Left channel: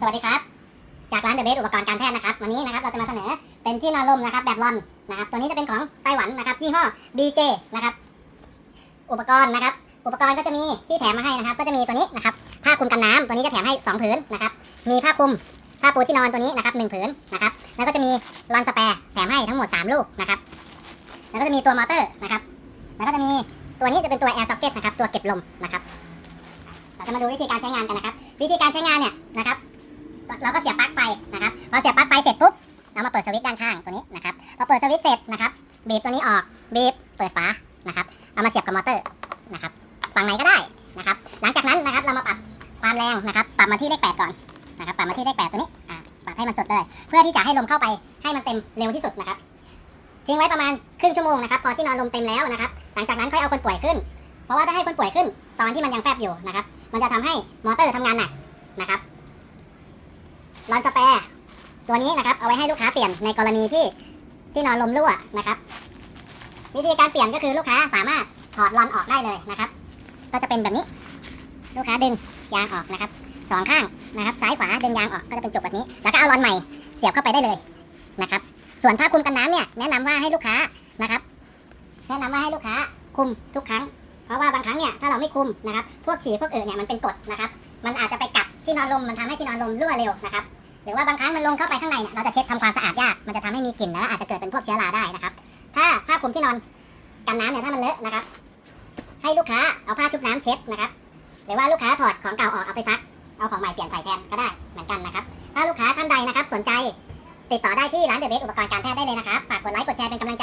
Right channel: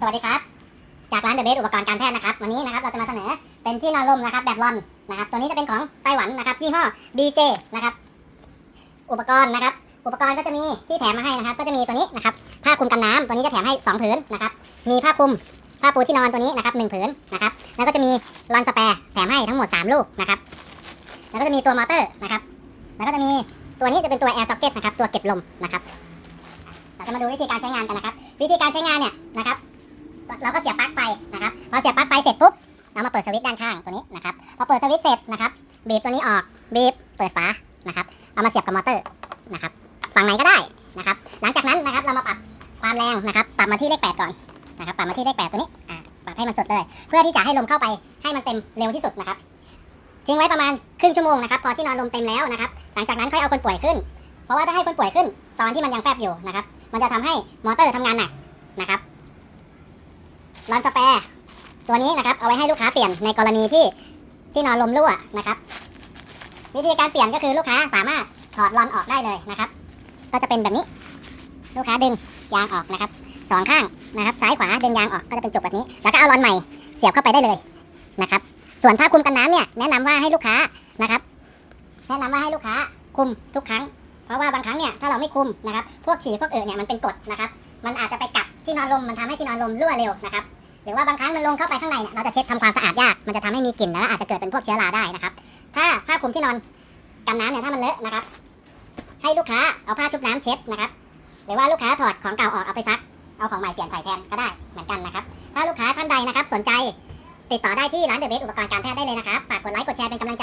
สวัสดีครับ จากร้านเดอะเบสอุปกรณ์การแพทย์นะครับ วันนี้นะครับเราจะมาเสนอเป็นที่นอนลมนะครับ แบบรอนนะครับ ตัวนี้จะเป็นของไต้หวันนะครับยี่ห้อ BJ นะครับ อุปกรณ์นะครับ อุปกรณ์ก็จะมีที่แถมมาให้นะครับ ก็จะมีตัวนี้นะครับ ผ้าคลุมกันน้ำตัวนี้จะแถมให้ 2 ผืนนะครับ มีผ้าคลุมผ้าปูที่นอนตัวนี้นะครับหนึ่งผืนนะครับ แล้วก็จะมีรอนสแปร์แถมให้ทั้งหมด 3 ลูกนะครับ แล้วก็จะมีตัวมอเตอร์นะครับ แล้วก็จะมีตัวนี้จะเป็นตัว air socket นะครับ ตัวเก็บลมนะครับ เราจะมาดูวิธีการใช้งานกันนะครับ วิธีการใช้งานเนี่ยนะครับ เราก็เสียบปลั๊กไฟนะครับพอเสียบปลั๊กไฟเสร็จปุ๊บเรามาเปิดสวิตช์ด้านข้างตัวนี้นะครับพอเปิดสวิตช์เสร็จนะครับบีบตัวนี้ออกบีบเปิดฝานะครับเอามาเสียบกับมอเตอร์นะครับฝั่งไหนก็ได้นะครับ หลังจากนั้นนะครับเรามาปรับความแรงนะครับ ปรับมาที่เลขแปดก่อนนะครับปรับมาที่เลขแปดตัวนี้อ่าปรับให้มันสุดเลย เพื่อที่จะให้ลมเข้าไปให้มันเต็มเร็วที่สุดนะครับทิ้งไว้ประมาณครึ่งชั่วโมงนะครับพอที่นอนลมเต็มแล้วนะครับ หลังจากนั้นค่อยเอาคนป่วยขึ้น เพราะว่าถ้าให้คนป่วยขึ้น ตอนที่มันยังแฟบอยู่นะครับ มันจะทำให้มอเตอร์ทำงานหนักนะครับ รอนสแปร์ตัวนี้นะครับเอาไว้ให้ลูกค้าเปลี่ยนในกรณีที่ที่นอนลมรั่วนะครับ วิธีการเปลี่ยนก็คือลูกค้าสามารถถอดรอนออกได้เลยนะครับ ก็จะเป็นแบบนี้ ลูกค้าดึงยางออกนะครับสองข้างนะครับ ซ้ายขวาดึงยางออกก็จะเป็นจุกแบบนี้ แล้วก็เอารอนใหม่เสียบเข้าไปได้เลยนะครับ ส่วนผ้าคลุมกันน้ำเนี่ยแนะนำว่าให้ลูกค้านะครับ แนะนำว่าให้ลูกค้าคุมทุกครั้งเพราะว่าบางครั้งเนี่ยถ้าเราไม่คุมนะครับ พวกฉี่พวกเอือเนี่ยมันเป็นกรดนะครับ มันอาจจะไปกัดที่นอนลมมันทำให้ที่นอนลมรั่วเร็วนะครับ รือว่าบางครั้งมันลงเข้าไปข้างในเนี่ยเราจะเช็ดทำความสะอาดยากมันจะทำให้มีกลิ่นแล้วอาจจะเกิดเป็นพวกเชื้อราได้นะครับ ถ้าผ้าคลุมที่นอนกันน้ำเนี่ยถ้ามันเลอะนะครับ ให้ลูกค้าเอาผ้าชุบน้ำเช็ดนะครับ หรือว่าลูกค้าถอดของเก่าออกเอาไปซัก เอาของใหม่เปลี่ยนใส่แทนก็ได้เหมือนกันนะครับ ถ้าลูกค้าท่านใดนะครับ สนใจติดต่อได้ที่ร้านเดอะเบสอุปกรณ์การแพทย์ได้เลยนะครับฝากกดไลค์กดแชร์เป็นกำลัง